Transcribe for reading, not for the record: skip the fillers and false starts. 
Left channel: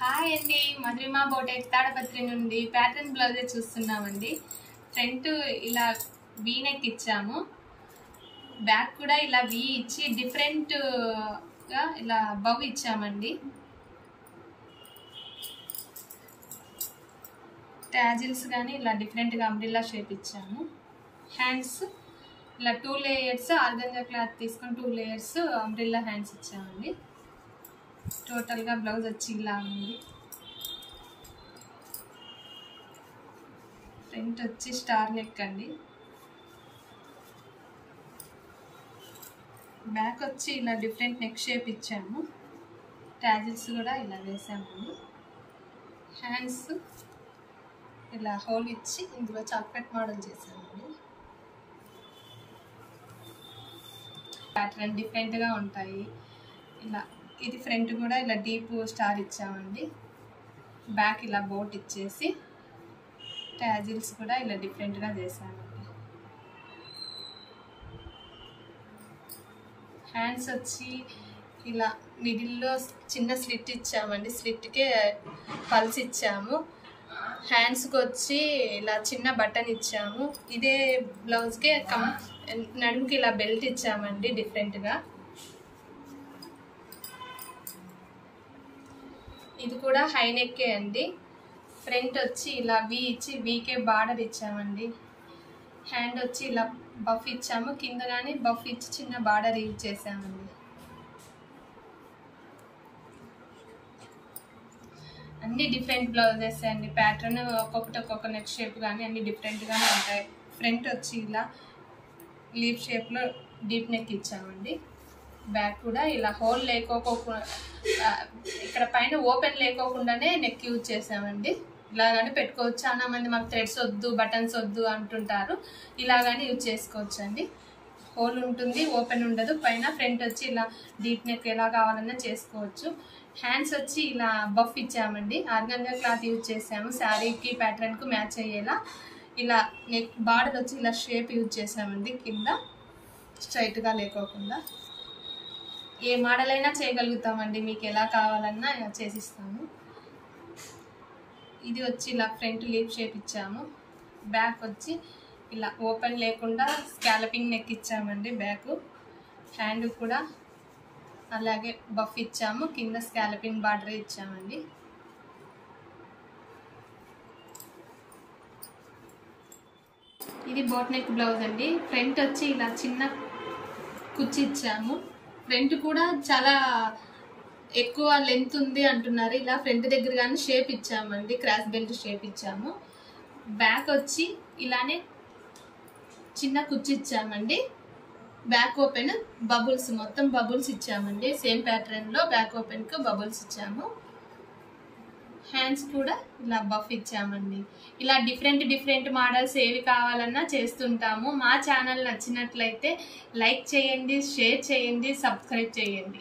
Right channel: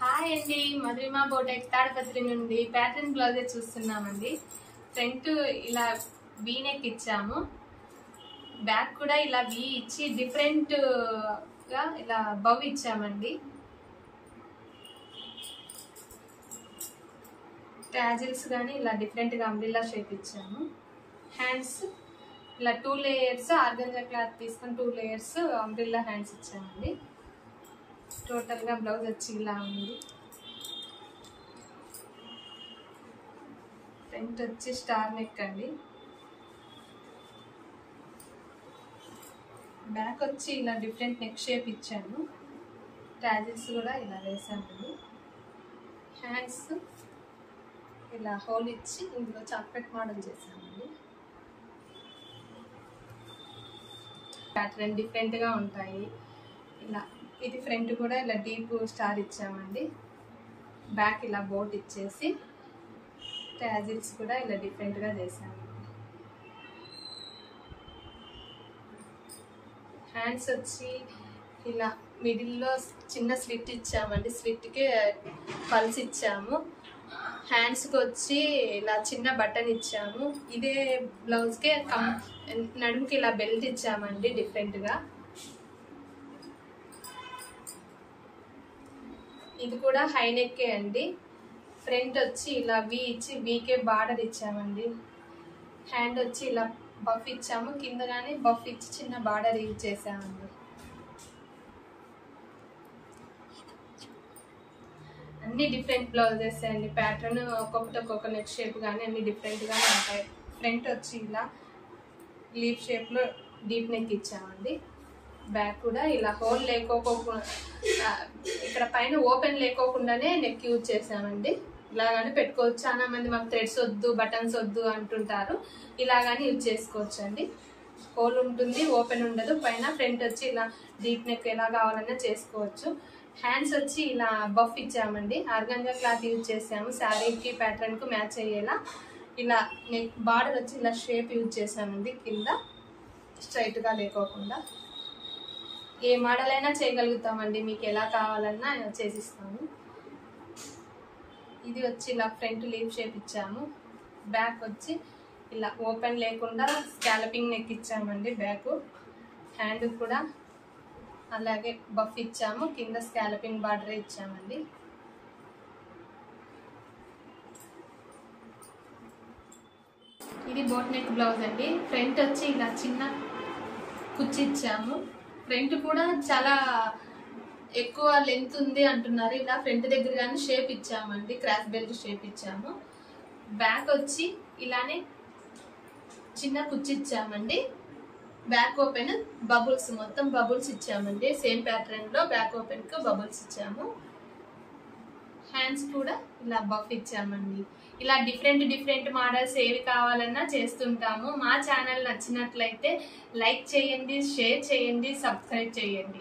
Hi అండి, మధురిమ బోటెక్ తాడపత్రి నుండి pattern బ్లౌజే చూస్తున్నామండి. ఫ్రంట్ ఇలా వీ నెక్ ఇచ్చాము, బ్యాక్ కూడా ఇలా వీ ఇచ్చి డిఫరెంట్ గా ఇలా బౌ ఇచ్చామండి. ట్యాజిల్స్ కానీ ఇలా డిఫరెంట్ గా అంబ్రిల్లా షేప్ ఇచ్చాము. హ్యాండ్స్ ఇలా 2 లేయర్స్ ఆర్గంజా క్లాత్ తీసుకొని 2 లేయర్స్ అంబ్రిల్లా హ్యాండ్స్ ఇచ్చామండి. టోటల్ గా బ్లౌజ్ వచ్చి ఇలా ఉంది. ఫ్రంట్ వచ్చి స్టార్ నెక్ అండి, బ్యాక్ వచ్చి ఇలా డిఫరెంట్ నెక్ షేప్ ఇచ్చాము. ట్యాజిల్స్ కూడా ఇలా వేసామండి. హ్యాండ్స్ ఇలా హోల్ ఇచ్చి ఇందులో చాక్లెట్ మోడల్ చేసామండి. ప్యాటర్న్ డిఫరెంట్ గా ఉంటాయి. ఇలా ఇది ఫ్రంట్ కూడా ఇలా డీప్ స్టార్ ఇచ్చామండి. బ్యాక్ ఇలా బోట్ ఇచ్చేసి ట్యాజిల్స్ కూడా ఇలా డిఫరెంట్ గా చేసామండి. హ్యాండ్స్ వచ్చి ఇలా మిడిల్లో చిన్న స్లిట్ ఇచ్చామండి, స్లిట్కే పల్స్ ఇచ్చాము. హ్యాండ్స్కి వచ్చి ఇలా చిన్న బటన్ ఇచ్చాము. ఇదే బ్లౌజ్కే నడుముకి ఇలా బెల్ట్ ఇచ్చామండి డిఫరెంట్గా. ఇది కూడా హై నెక్కే అండి. ఫ్రంట్ వచ్చి ఇలా వీ ఇచ్చి వీకే బార్డర్ ఇచ్చామండి. హ్యాండ్ వచ్చి ఇలా బఫ్ ఇచ్చాము, కింద కానీ బఫ్ ఇచ్చి చిన్న బార్డర్ యూజ్ చేసామండి. అన్ని డిఫరెంట్ బ్లౌజెస్ అండి. ప్యాటర్న్ ఒక్కొక్కటి ఒక్కొక్క నెక్ షేప్ కానీ అన్ని డిఫరెంట్గానే ఉంటాయి. ఫ్రంట్ వచ్చి ఇలా లీఫ్ షేప్లో డీప్ నెక్ ఇచ్చామండి. బ్యాక్ కూడా ఇలా హోల్ లేకోకుండా ఇక్కడ పైన ఓపెన్ లేకోకుండానే నెక్ యూజ్ చేసామండి. ఇలాగానే పెట్టుకోవచ్చు. చాలా మంది మాకు థ్రెడ్స్ వద్దు, బటన్స్ వద్దు అంటుంటారు. ఇలాగానే యూజ్ చేసుకోవచ్చు అండి. హోల్ ఉంటుంది, ఓపెన్ ఉండదు. పైన ఫ్రంట్ వచ్చి ఇలా డీప్ నెక్ ఎలా కావాలన్నా చేసుకోవచ్చు. హ్యాండ్స్ వచ్చి ఇలా బఫ్ ఇచ్చామండి. ఆర్గంజా క్లాత్ యూజ్ చేసాము, శారీకి ప్యాటర్న్కు మ్యాచ్ అయ్యేలా. ఇలా నెక్ బార్డర్ వచ్చి ఇలా షేప్ యూజ్ చేసామండి, కింద స్ట్రైట్గా లేకోకుండా. ఏ మోడల్ అయినా చేయగలుగుతామండి, మీకు ఎలా కావాలన్నా చేసిస్తాము. ఇది వచ్చి ఇలా ఫ్రంట్ లీఫ్ షేప్ ఇచ్చాము. బ్యాక్ వచ్చి ఇలా ఓపెన్ లేకుండా స్కాలపింగ్ నెక్ ఇచ్చామండి. బ్యాక్ హ్యాండ్ కూడా అలాగే బఫ్ ఇచ్చాము, కింద స్కాలపింగ్ బార్డర్ ఇచ్చామండి. ఇది బోట్ నెక్ బ్లౌజ్ అండి. ఫ్రంట్ వచ్చి ఇలా చిన్న కుచ్చి ఇచ్చాము. ఫ్రంట్ కూడా చాలా ఎక్కువ లెంత్ ఉంది అంటున్నారు. ఇలా ఫ్రంట్ దగ్గర కానీ షేప్ ఇచ్చామండి, క్రాస్ బెల్ట్ షేప్ ఇచ్చాము. బ్యాక్ వచ్చి ఇలానే చిన్న కుచ్చి ఇచ్చామండి. బ్యాక్ ఓపెన్ బబుల్స్, మొత్తం బబుల్స్ ఇచ్చామండి. సేమ్ ప్యాటర్న్ లో బ్యాక్ ఓపెన్ కు బబుల్స్ ఇచ్చాము. హ్యాండ్స్ కూడా ఇలా బఫ్ ఇచ్చామండి. ఇలా డిఫరెంట్ మోడల్స్ ఏవి కావాలన్నా చేస్తుంటాము. మా ఛానల్ నచ్చినట్లయితే లైక్ చేయండి, షేర్ చేయండి, సబ్స్క్రైబ్ చేయండి.